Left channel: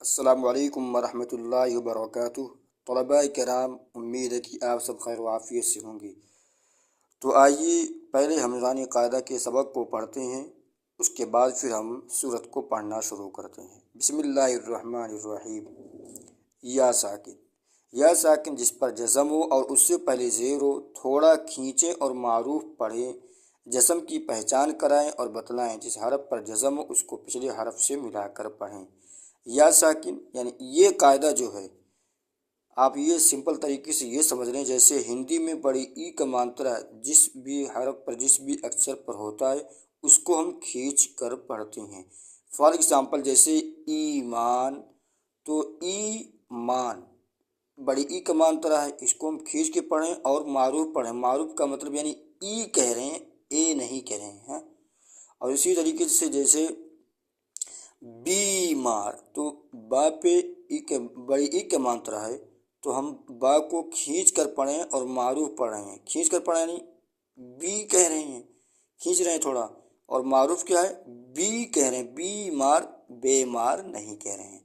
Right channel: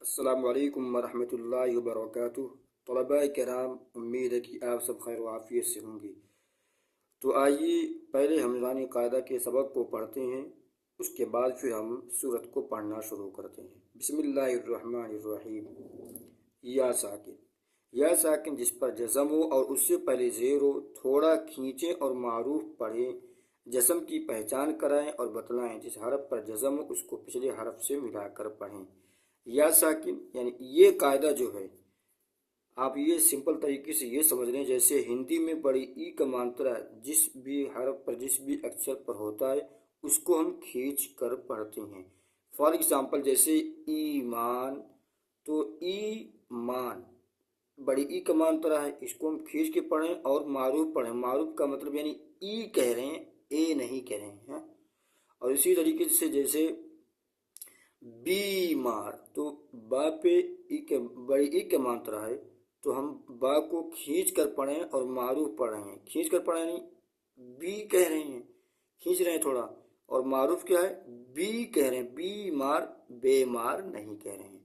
السلام علیکم ورحمۃ اللہ وبرکاتہ۔ طلباء کرام، امید ہے کہ آپ سب خیر و عافیت سے ہوں گے۔ تو آئیے پہلے ہم نورانی قاعدہ کے سبق کو پڑھتے ہیں، اس کے بعد پھر ہم سورت کو پڑھنا شروع کرتے ہیں۔ بسم اللہ الرحمن الرحیم۔ یا ساکن، یا ساکن جس پر جزم ہو اور اس سے پہلے زیر ہو، تھوڑا کھینچیں اور معروف پڑھیں، جزم کی پہچان کرائیں اور بتلائیں۔ جس حرف پر جزم ہو اس کو پچھلے حرف سے ملا کر پڑھیں۔ یا ساکن یعنی یہ قاعدہ جو ہے، آپ یہ سمپل طریقے سے یہ سمجھ لیں جیسے ہندی میں بڑی ای کا مانترا جس بھی حرف پر جس بھی اکثر پر ہوتا ہے اس کو ہم کھینچ کر پڑھتے ہیں۔ فار ایگزامپل جیسے ایمان، تو ایمان بڑی ای کا مانترا ہے، اس کو ہم کھینچ کے پڑھیں اور معروف پڑھیں۔ معروف کا مطلب یعنی ای کہہ رہے ہیں، اے نہیں کہہ رہے ہیں۔ اور اسی طریقے سے جیسے بیمار، تو با پہ بڑی ای کا مانترا ہے، تو ہم با کو کھینچ کر پڑھیں اور معروف پڑھ رہے ہیں۔ کھینچ کر پڑھیں یعنی بی کہہ رہے ہیں، کھینچ رہے ہیں تھوڑا، اور معروف کیا ہے، بی کہہ رہے ہیں۔ بیمار، بیمار نہیں کہہ رہے ہیں،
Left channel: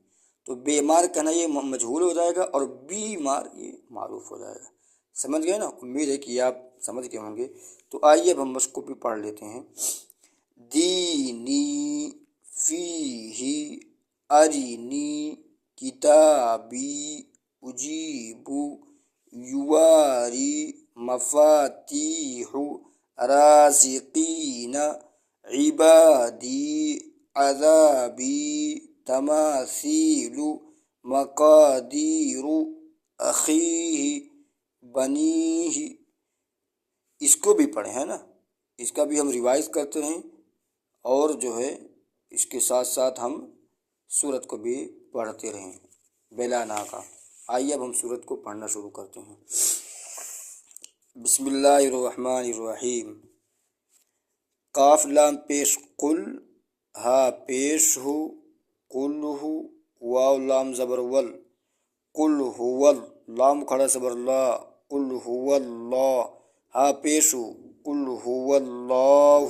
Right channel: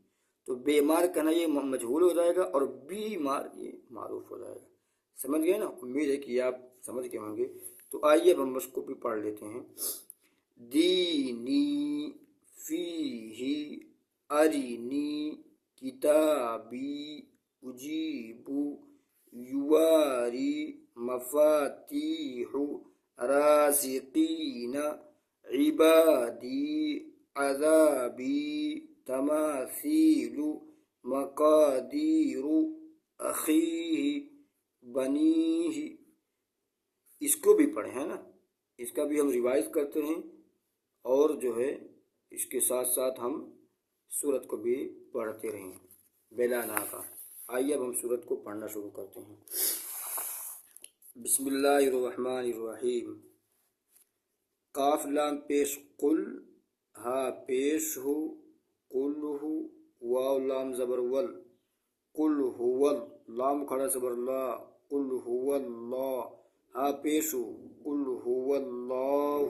تو بیمار کہنا یہ مجہول ہو جائے گا اور بیمار یہ معروف ہو جائے گا۔ سمجھ گئے نا؟ امید ہے کہ آپ سمجھ گئے ہوں گے۔ تو آئیے اب ہم اس کو بھی پڑھ لیتے ہیں۔ دینی فیہ ارنی کتابی اجیب یواری مفاتیح رازقین عبادی عذابی تماثیل مقادیر اخیہ بنیہ۔ اس کو بھی پڑھیں، ہے نا؟ اس کا بھی ہم ریوائز کرتے ہیں اور جو ہے اس کے ساتھ ساتھ ہم سورت کو بھی پڑھتے رہیں بلا ناغہ۔ آئیے اب ہم سورت کو پڑھنا شروع کرتے ہیں۔ بسم اللہ الرحمن الرحیم۔ قاف لام پیش قل، ہا پیش ہو قل ہو، واو لام زبر ول، قل هو، لام کھڑا زبر لا، قل هو اللہ، ہا پیش ہو قل هو اللہ،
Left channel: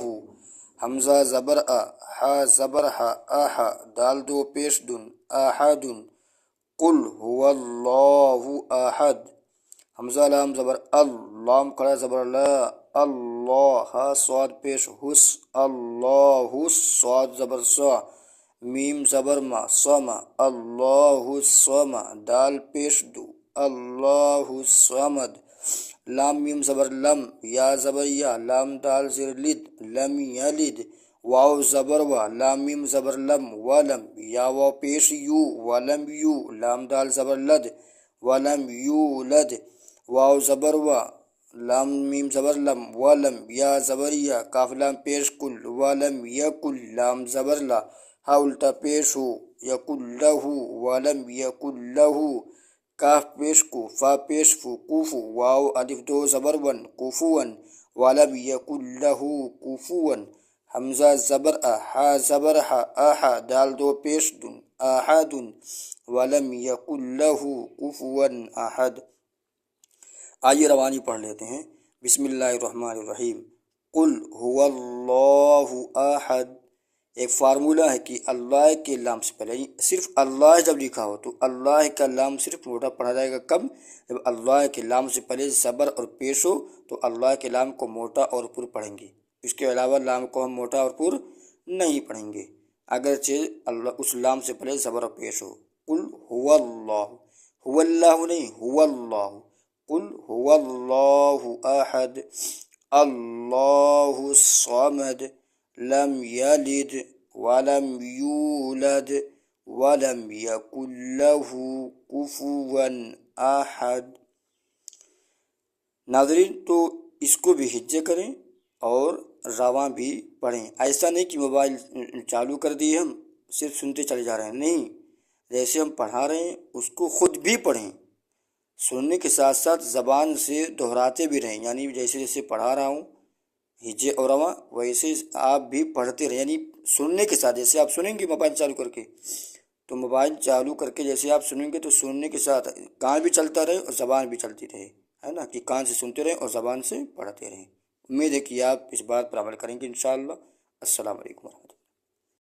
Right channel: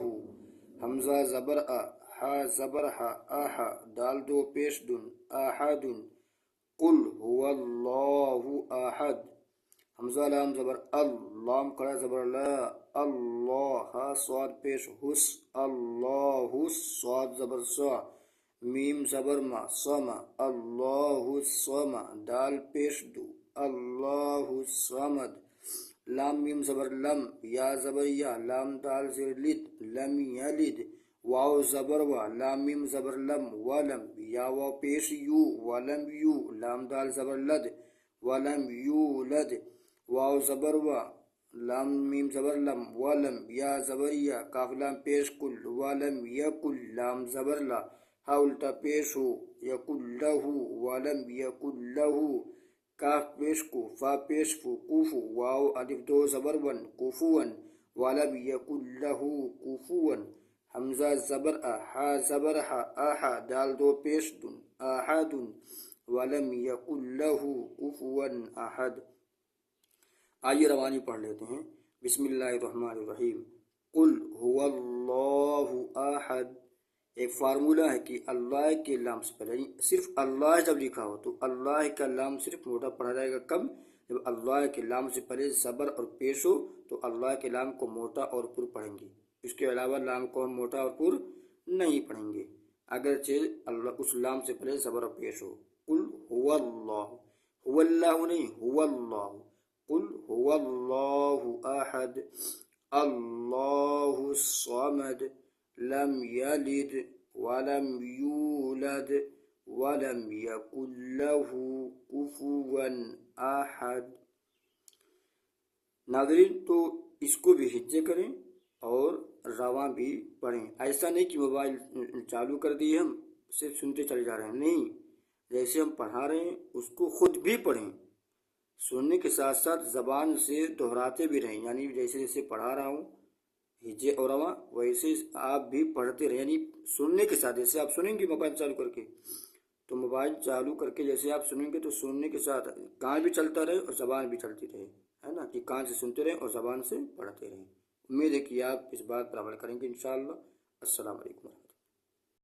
حمزہ زبر ا، ہا زبر ہا، آہا، دال دو پیش دن، احد، قل هو اللہ احد، حمزہ لام زبر ال، لام کھڑا زبر لا، اللہ، ہا صاد پیش حس، اللہ، صاد زبر سا، میم زبر ما، سما، اللہ سما، دال پیش دو، اللہ صمد، لام میم زبر لم، یا زبر یا، لام دال زیر لد، لم یلد، واو زبر وا، لام میم زبر لم، ولم، یا واو پیش یو، ولم یو، لام دال زبر لد، ولم یولد، واو زبر وا، لام میم زبر لم، ولم، یا زبر یا، کاف لام پیش کل، ولم یکل، لام زبر لا، ہا الٹا پیش ہو، یکل لہو، ولم یکل لہو، کاف پیش کو، فا پیش فو، کوفو، واو الف دو زبر ون، کوفون، ولم یکل لہو کوفون، حمزہ زبر ا، ہا زبر ہا، آہا، دال دو پیش دن، احد، ولم یکل لہو کفوا احد۔ آئیے روانی پڑھ لیتے ہیں۔ بسم اللہ الرحمن الرحیم۔ قل هو اللہ احد۔ ایک فارمولہ ہے کہ اللہ کے لام سے پہلے صرف اللہ جب لکھا ہو تو اللہ کا لام صرف موٹا پڑھا جائے گا۔ کب؟ جب اللہ کے لام سے پہلے زبر اور پیش ہو تو اللہ کے لام کو موٹا اور پر پڑھیں گے، اس کے علاوہ لام کو ہم موٹا اور پر نہیں پڑھیں گے، اگرچہ اللہ اس لام سے پہلے زبر اور پیش ہو۔ قل هو اللہ، هو اللہ نہیں، هو اللہ، قل هو اللہ احد، اللہ الصمد، لم یلد ولم یولد ولم یکن له کفوا احد۔ ناظرین، تو اس کو بھی ہجے کریں اور رواں بھی پڑھیں۔ ایسا نہیں کہ موبائل چالو کر دیے ہم صرف سنتے چلے جا رہے ہیں، نہیں، جیسے ہم پڑھا رہے ہیں اس کو خود بھی پڑھیں، سننے کے ساتھ ساتھ زبان سے دہراتے بھی رہیں، یعنی جیسے جیسے پڑھا رہا ہوں ہجے اور رواں ویسے آپ بھی پڑھتے رہیں، یعنی سننے کے ساتھ جیسے آپ سنیں گے موبائل چالو کر کے، تو موبائل چالو کر کے جیسے آپ سنیں گے تو سننے کے ساتھ کان بھی چلتا رہے اور زبان بھی چلتی رہے، ہے نا، کہ کان سے سنتے رہیں اور زبان سے پڑھتے رہیں۔ امید ہے کہ آپ اس بات پر عمل کریں گے انشاءاللہ۔ السلام علیکم۔